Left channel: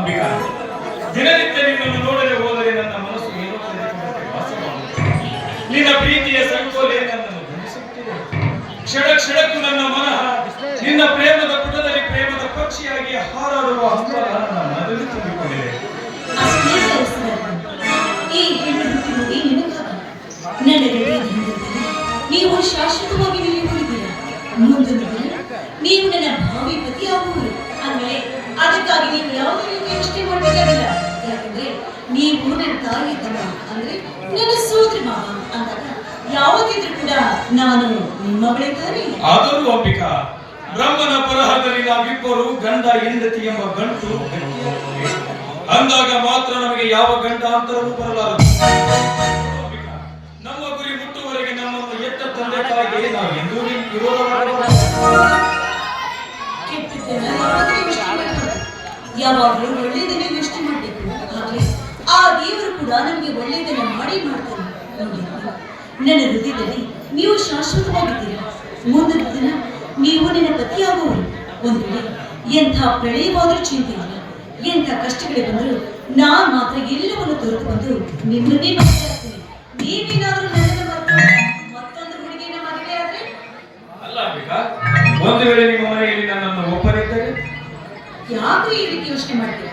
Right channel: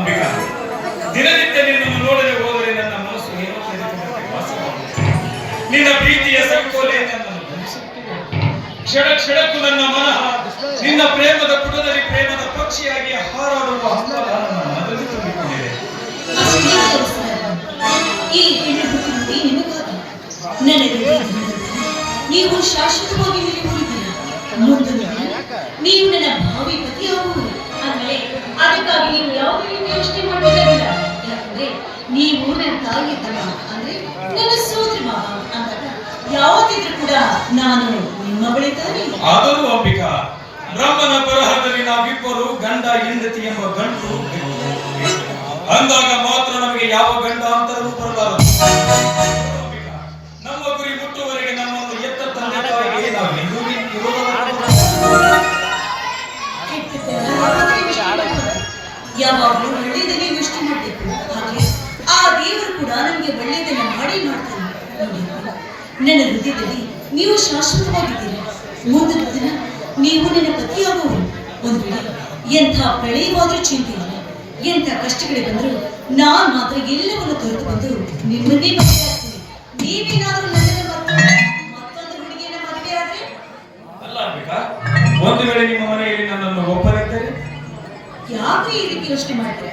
ಅಂಬಿಕಾ, ದಿನನಿತ್ಯ ನಿನ್ನನ್ನು ನೋಡಲು ಹೋದರೆ ನನ್ನ ಮನಸ್ಸು ಏನೋ ಕಲಿತುಕೊಂಡಂತೆ ವಾಸವಾಗುತ್ತದೆ. ನಿನ್ನ ಪ್ರೀತಿಯ ಸಂಕೋಲೆ ನನ್ನನ್ನು ಧರಿಸುತ್ತಿದೆ. ಕ್ಷಣ ಕ್ಷಣಕ್ಕೂ ನನ್ನ ಮನಃ ನಿನ್ನ ಪ್ರೇಮದ ಪುಟದಲ್ಲಿ ಪ್ರೇಮದ ಪಕ್ಷಿಯಾಗಿ ಹಾರಾಡುವ ಹಂಬಲ ನನ್ನ ಮನದಲ್ಲಿ ತುಂಬಿಕೊಂಡಿದೆ. ಈ ಹೆಣ್ಣು ನಿಮಗಾಗಿ ನನಗೆ ನೀವು ಶಾಶ್ವತವಾಗಿ ನಿಲ್ಲಿದ್ದೀರಾ. ಮುಂದೊಂದು ದಿನ ನೀವು ನನ್ನ ಭಾವಿ ಪತಿಯಾಗುವುದು. ಅಂದ್ರೆ ಅದಕ್ಕಾಗಿ ನೀವು ಯಾವುದೇ ರೀತಿ ಯೋಚನೆ ಮಾಡಬೇಕಾಗಿಲ್ಲ. ಯಾಕಂದ್ರೆ ನೀವು ನನ್ನ ತಾಯಿ ತಮ್ಮ ಅಂದ್ರೆ ನನ್ನ ಸೋದರಿ ಮಾವ ಅಂದಾಗ ಯಾವತ್ತಿದ್ರೂ ಕೂಡ ನಾನು ನಿಮ್ಮ ಬಳಿ ತಾನೆ. ಆದರೂ ಅಂಬಿಕಾ, ಬ್ರಹ್ಮನ ಬರಹದಲ್ಲಿ ನಾವಿಬ್ಬರು ಗಂಡ ಹೆಂಡತಿ ಎಂಬ ಗಂಟು ಅಂದಾಗ ಮಾತ್ರ ನಮಗೆ ಯಾವ ಗಂಡಾಂತರವೂ ಬರಲಾರದು. ನಮ್ಮ ಗುರಿ ಮುಟ್ಟುವರೆಗೆ ನಮ್ಮನ್ನು ಎತ್ತ ತಂದೆ ತಾಯಿಗೆ ನಾವು ಎಂದೂ ಯಾವಾಗಲೂ ಒಳ್ಳೆಯದನ್ನೇ ಯೋಚನೆ ಮಾಡಬೇಕು. ಹಾಗೆ ಆ ದೇವರು ಕೂಡ ನಮಗೆ ಒಳ್ಳೆಯದನ್ನ ಮಾಡಿ ಮಾಡ್ತಾನೆ. ನೋಡಿ, ನನ್ನ ಹೃದಯದಲ್ಲಿ ನೀವು ಶಾಶ್ವತವಾಗಿದ್ದೀರಾ. ಮುಂದಿನ ದಿನ ನೀವು ನನ್ನ ಪತಿಯಾಗುವರು. ಒಂದು ವೇಳೆ ಎಂಥ ಪ್ರಳಯವಾದರೂ ಚಿಂತೆ ಇಲ್ಲ, ಎಂಥ ಕಷ್ಟಗಳೇ ಬಂದರೂ ನಾನು ಮಾತ್ರ ಎಲ್ಲವನ್ನು ತೊರೆದು ಬಂದು ನಿಮ್ಮನ್ನೇ ಮದುವೆ ಆಗ್ತೀನಿ. ನೀವೇನಾದರೂ ನನ್ನನ್ನು ಮತ್ತೊಂದು ಹುಡುಗಿಯನ್ನ ಮದುವೆ ಆದ್ರೆ ಅಲ್ಲ ಅಂಬಿಕಾ, ಒಂದು ವೇಳೆ ನಿಮ್ಮ ಮನೆಯಲ್ಲಿ ನನ್ನನ್ನು ಒಪ್ಪದಿದ್ದರೆ ಯಾಕೆ ಈ ರೀತಿ ಯೋಚನೆ ಮಾಡ್ತೀರಾ?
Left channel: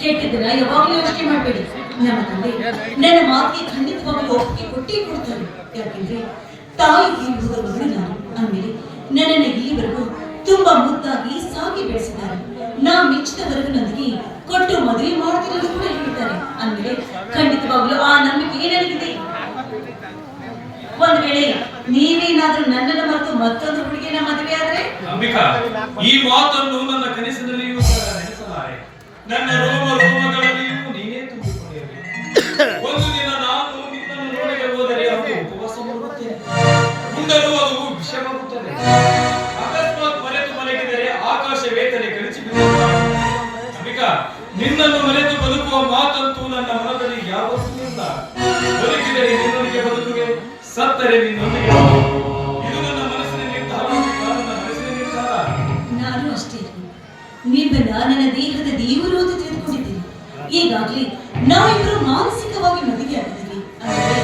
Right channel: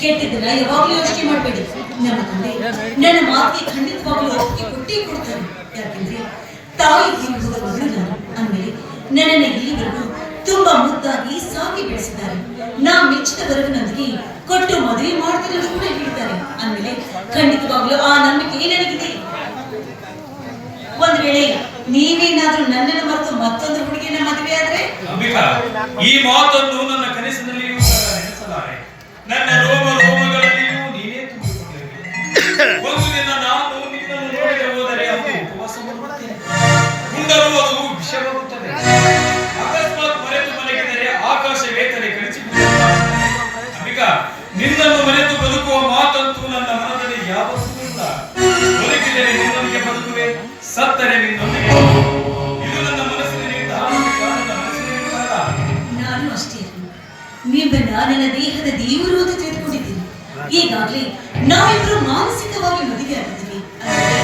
ಕೆಟ್ಟದಿಲ್ಲ, ಯಾವಾಗಲೂ ಯೋಚನೆ ಮಾಡಬೇಡಿ. ನಮ್ಮ ತಂದೆ ನನ್ನ ಮಾತಿಗೆ ಖಂಡಿತವಾಗ್ಲೂ ಒಪ್ಪಿಗೆ ಕೊಟ್ಟೇ ಕೊಡ್ತಾರೆ. ಯಾಕೆಂದ್ರೆ ತಾಯಿ ಹೋದ ಮಗಳು ನಾನು. ಅಂದ್ಮೇಲೆ ನನ್ನನ್ನು ಇಲ್ಲಿವರೆಗೂ ತುಂಬಾ ಮುದ್ದಾಗಿ ಸಾಗಿ ಬೆಳೆಸಿದ್ದಾರೆ. ನಾ ಮೆಚ್ಚಿದ ವರವಿನೊಂದಿಗೆ ಕೊಟ್ಟು ಮದುವೆ ಮಾಡ್ತಾರೆ ಎಂದು ಕೂಡ ಹೇಳ್ತಾರೆ. ಅಂದ್ಮೇಲೆ ಖಂಡಿತವಾಗ್ಲೂ ಆ ನಂಬಿಕೆ ನನಗಿದೆ. ಒಂದು ವೇಳೆ ನೀವೇನಾದ್ರೂ ನನ್ನನ್ನು ಮರೆತು ಮತ್ತೊಂದು ಹುಡುಗಿನ ಮದುವೆ ಆದ್ರೆ ಅಂಬಿಕಾ, ಈ ಮಾತನ್ನು ನನ್ನ ಕನಸಿನಲ್ಲಿಯೂ ನೆನೆಸಲಾರೆ. ನನ್ನ ರೋಮ ರೋಮಗಳಲ್ಲಿಯೂ ನೀನೇ ತುಂಬಿಕೊಂಡಿರಬೇಕು. ಒಂದು ದಿನ ನಾನು ನಿನ್ನನ್ನು ನೋಡದೆ ಹೋದರೆ ಅದು ಉಪವಾಸ ಮಾಡುತ್ತೇನೆ, ಉಂಡರೂ ಅದು ವಿಷವಾಗುತ್ತದೆ. ಅಕಸ್ಮಾತ್ ಮರೆತು ಮಲಗಿದರೆ ಆಕಾಶ ವೇತನೆ ಕಳಿಸಿಬಿಡುತ್ತದೆ. ಅಂಬಿಕಾ, ನಿನ್ನನ್ನು ಮರೆತು ಬದುಕುವ ಮಾತಂತೂ ನನ್ನ ಮನದಲ್ಲಿ ಯಾವತ್ತೂ ಇಲ್ಲ. ಬದುಕಿದರೆ ನಿನ್ನೊಂದಿಗೆ ಬದುಕುವೆ, ಸತ್ತರೆ ನಿನ್ನೊಂದಿಗೆ. ಇದು ನನ್ನ ಮನಸ್ಸಿನ ನಿರ್ಧಾರ. ನನ್ನ ಮನಸ್ಸಿನ ನಿರ್ಧಾರ. ನಾನು ಅಷ್ಟೇ, ನಿಮ್ಮನ್ನ ನನ್ನ ದೇಹದ ದೇವರು ಅಂತ ತಿಳಿದುಕೊಂಡಿದ್ದೀನಿ. ಈಗಾಗಲೇ ನಾವಿಬ್ಬರು ಮಾನಸಿಕವಾಗಿ ಮದುವೆ ಆಗಿದ್ದೀವಿ. ಅಂದರೆ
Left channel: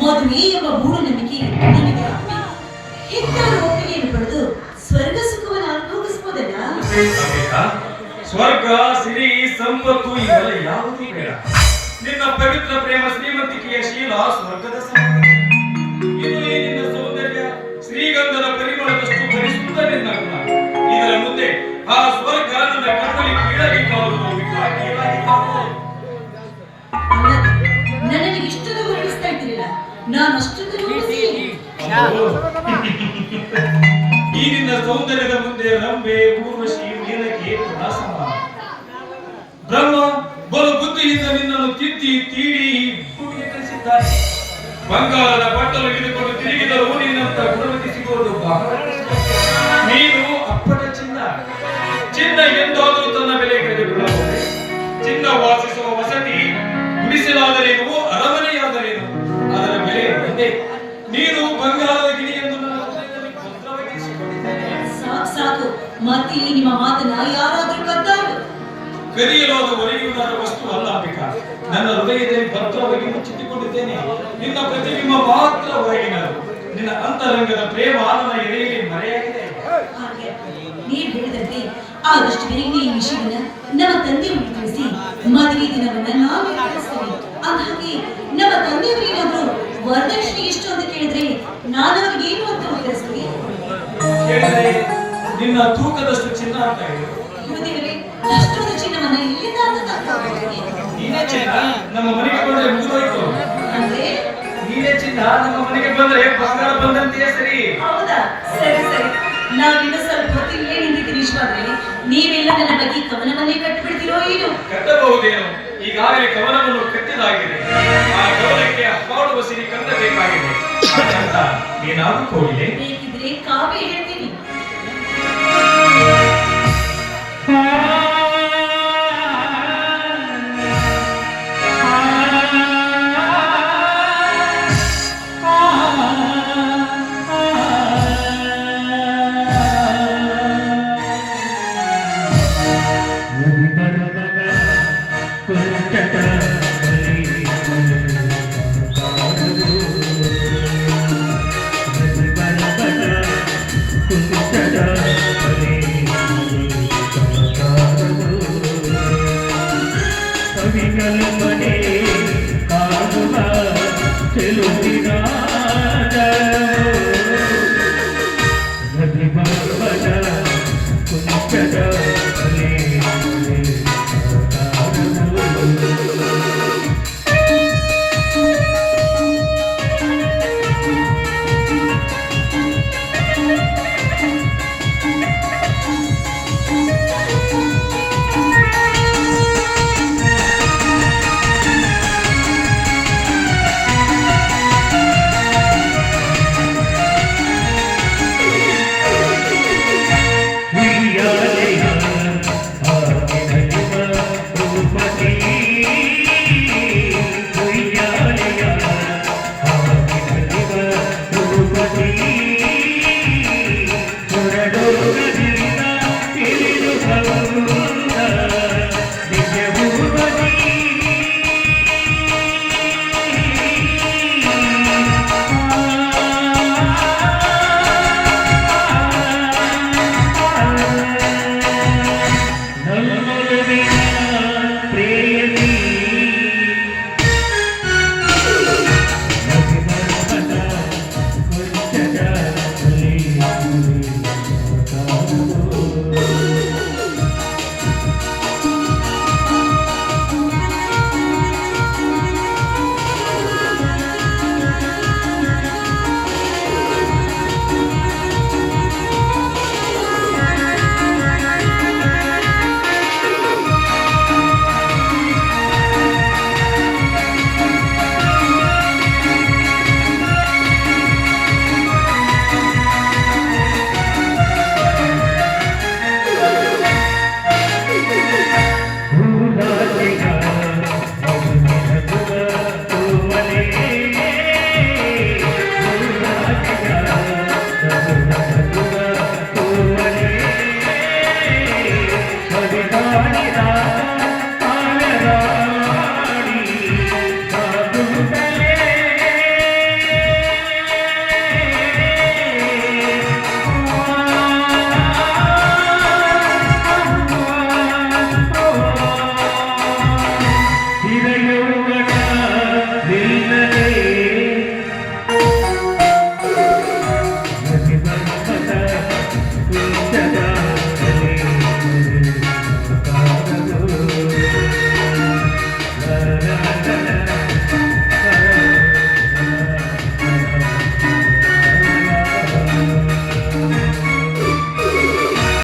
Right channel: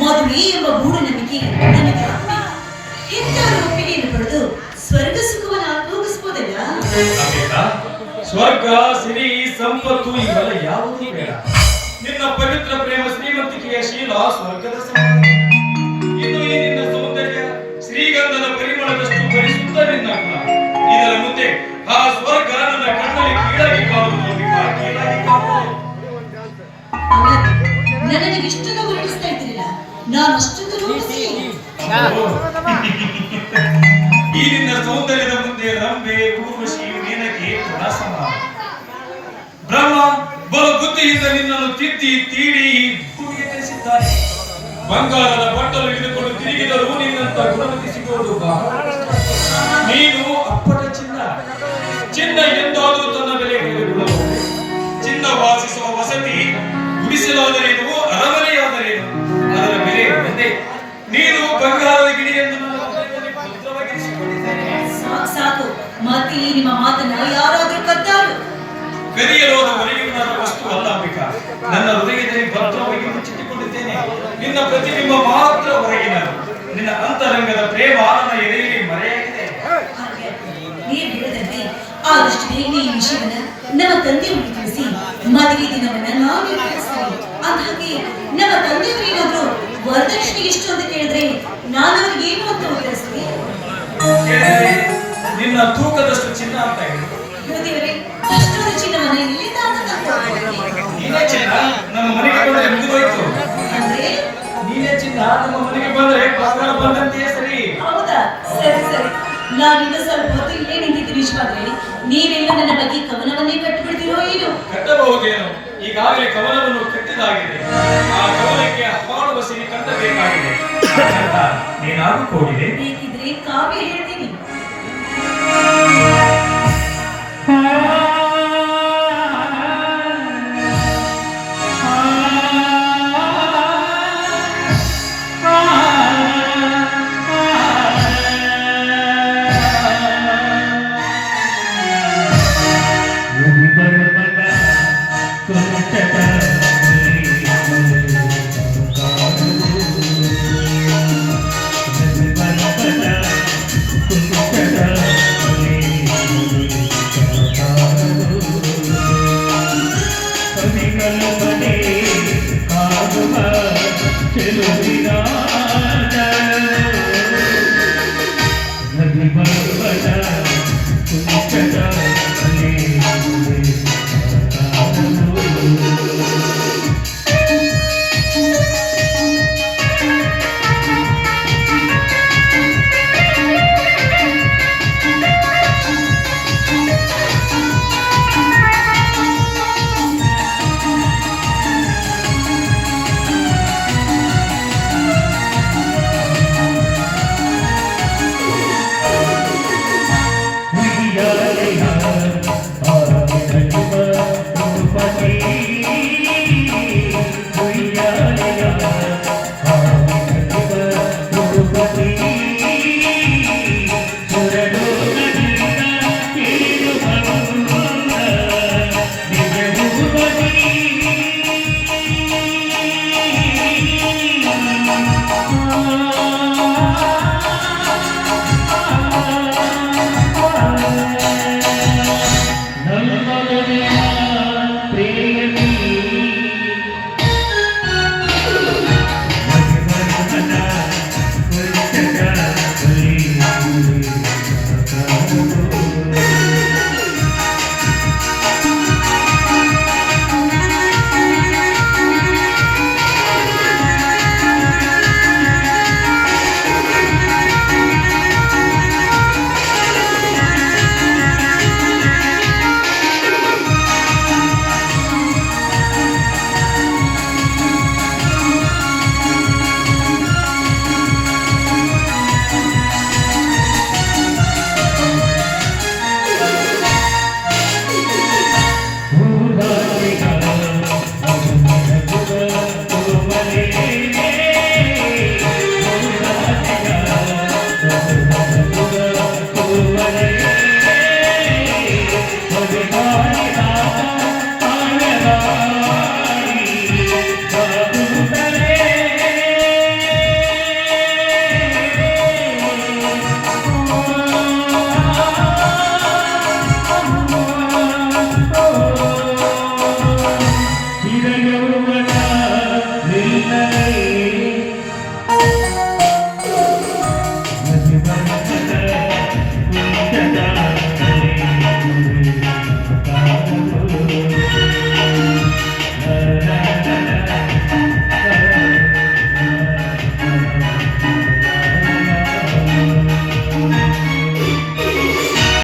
ಮದುವೆ ಎಂಬ ಮೂಢನಂಬಿಕೆ ನನಗೆ ಆಗಬೇಕು. ಹೆತ್ತಾರ ಒಪ್ಪಿಗೆಯನ್ನು ಪಡೆದು ಸ್ವರ್ಗ ಸುಖವನ್ನು ಅನುಭವಿಸಬಹುದಲ್ಲ? ಸ್ವರ್ಗ, ಸಿರಿ, ಸಂಪತ್ತು ಇವೆಲ್ಲ ಯಾವುದೂ ಬೇಡ. ನಿನ್ನ ಪವಿತ್ರ ಪ್ರೇಮ, ಶ್ರೀಮಂತಿಕೆಯ ಶೀಲ ಸ್ವರ್ಗದ ಸಂಪತ್ತು. ಇನ್ನು ಈ ನಿನ್ನ ಸೌಂದರ್ಯ ಶ್ರೀಗಂಧದ ಪರಿಮಳದಷ್ಟು ಪರಿಶುದ್ಧ ನಿನ್ನ ಗುಣ. ಇದರ ಮುಂದೆ ಆ ಸ್ವರ್ಗ ನನ್ನ ಕಣ್ಣಲ್ಲಿ ಕೀಳಬೇಕಾಗುವುದು. ನನಗೆ ಇಷ್ಟದ ವರ್ಣಿಸ್ತಾ ಇದ್ದೀರಲ್ಲ, ನಾನು ಅಷ್ಟೊಂದು ರೂಪಿಸಿದ್ದೀನಿ. ಈ ನಿನ್ನ ಸೌಂದರ್ಯದ ಮುಂದೆ ರಂಬೆ, ಊರ್ವಶಿ, ಮೇನಕೆ ಸಮಾನ. ಬ್ರಹ್ಮ ಬಲು ಬುದ್ಧಿಯಿಂದ ನಿನ್ನನ್ನು ತಿದ್ದಿ ತೀಡಿ ಭೂಮಿಗೆ ಕಳಿಸಿದ್ದಾನೆ. ಬಂಗಾರದ ಬಟ್ಟಲು ಹಿಡಿದುಕೊಂಡು ತಿರುಗಿದರೂ ನಿನ್ನಂತ ಗುಣವತಿ ಸಿಗುವುದು ಬಹಳ ಕಷ್ಟ. ನೀನು ಅಪ್ಪಟ ಚಿನ್ನ. ಚಿನ್ನ ಎಂದಾದರೂ ತನ್ನ ಬೆಲೆ ಕಳೆದುಕೊಳ್ಳಬಹುದು. ಚಿನ್ನ ವಾಸಿಸುವ ವಸತಿ ಗುಡಿಸಲಾದರೇನು, ಅರಮನೆಯಾದರೇನು, ಅದರ ಬೆಲೆ ಒಂದೇ. ನೀನು ಬಂಗಾರದ ಗಿರಿಯನ್ನು ಭದ್ರವಾಗಿರಿಸಿಕೊಂಡಿದ್ದೇನೆ. ಸಾಕು, ಮತ್ತೆ ನಿಮ್ಮ ಮಾತನ್ನ ಯಾರಾದರೂ ಕದ್ದಾರು. ಕದಿಯಲೋದ ಒರೆಯುವುದಾದ ವಸ್ತು ಅಲ್ಲ ಅಂಬಿಕಾ. ನನ್ನ ಹೃದಯದಲ್ಲಿ ಭದ್ರವಾಗಿ ಮುಚ್ಚಿಟ್ಟುಕೊಂಡಿದ್ದೇನೆ. ನಿನ್ನ ಪ್ರತಿಬಿಂಬ ಮಾತ್ರ ಹೊರಗಿನದು. ನಿನ್ನ ಅಂತರಂಗದ ಪ್ರೇಮ ನನ್ನ ಎದೆಯಲ್ಲಿ ಮರೆಯಾಗಿದೆ. ನೀವು ಹೇಳಿದಂತೆ ಆದಷ್ಟು ಬೇಗ ಈ ವಿಷಯವನ್ನ ನಮ್ಮ ತಂದೆ ಮುಂದೆ ತಿಳಿಸಿ ಮದುವೆ ದಿನವನ್ನ ನಾವು ನಿರ್ಧರಿಸ್ತೇವೆ. ಅಂದಾಗೆ ನಮ್ಮ ತಂದೆಯವರೇನಾದ್ರೂ ವರದಕ್ಷಿಣೆ ಎಷ್ಟು ಅಂತ ಕೇಳಿದ್ರೆ ನಾನು ಅವ್ರಿಗೆ ಏನು ಅಂತ ಉತ್ತರಿಸ್ತೀನಿ? ನಿನ್ನ ತೂಕದಷ್ಟು ಚಿನ್ನ ಅಂತ ಹೇಳಿ. ಅಷ್ಟೊಂದು ಚಿನ್ನವನ್ನ ಇಲ್ಲಿಂದ ನೀನೇ ಚಿನ್ನ ನಮ್ಮ ಮನೆಗೆ ಬಂದ್ರೆ ಮುಗಿದೋಯ್ತು. ಅಂದ್ರೆ ನೀನೇ ಚಿನ್ನ ನಮ್ಮ ಮನೆಗೆ ಬಂದ್ರೆ ಬಂಗಾರ ಬಂದಂತೆಯೇ ಸರಿ. ಹೌದಾ? ಸರಿ ಸರಿ, ನಾವಿನ್ನು ಸ್ವಲ್ಪ ಹೊತ್ತು ಇಲ್ಲೇ ನಿಂತಿದ್ದೀನಿ. ಇಷ್ಟವಾದ್ರೆ ನೀವೆಲ್ಲ ನನ್ನ ಬಗ್ಗೆ ಕವನವನ್ನೇ ಕಟ್ಟಿಬಿಡ್ತೀರೋ ಏನು? ಕಟ್ಟಬಹುದೇನು? ಈಗಾಗಲೇ ಕವನವನ್ನು ಕಟ್ಟಿದಾಗಿದೆ. ಆ ಕವನಕ್ಕೆ ಹಾಡುವ ಸಿರಿ ಕಟ್ಟಬೇಕಾಗಿದೆ. ನೀನಾಗಿ ಹೋಗಿದೆ.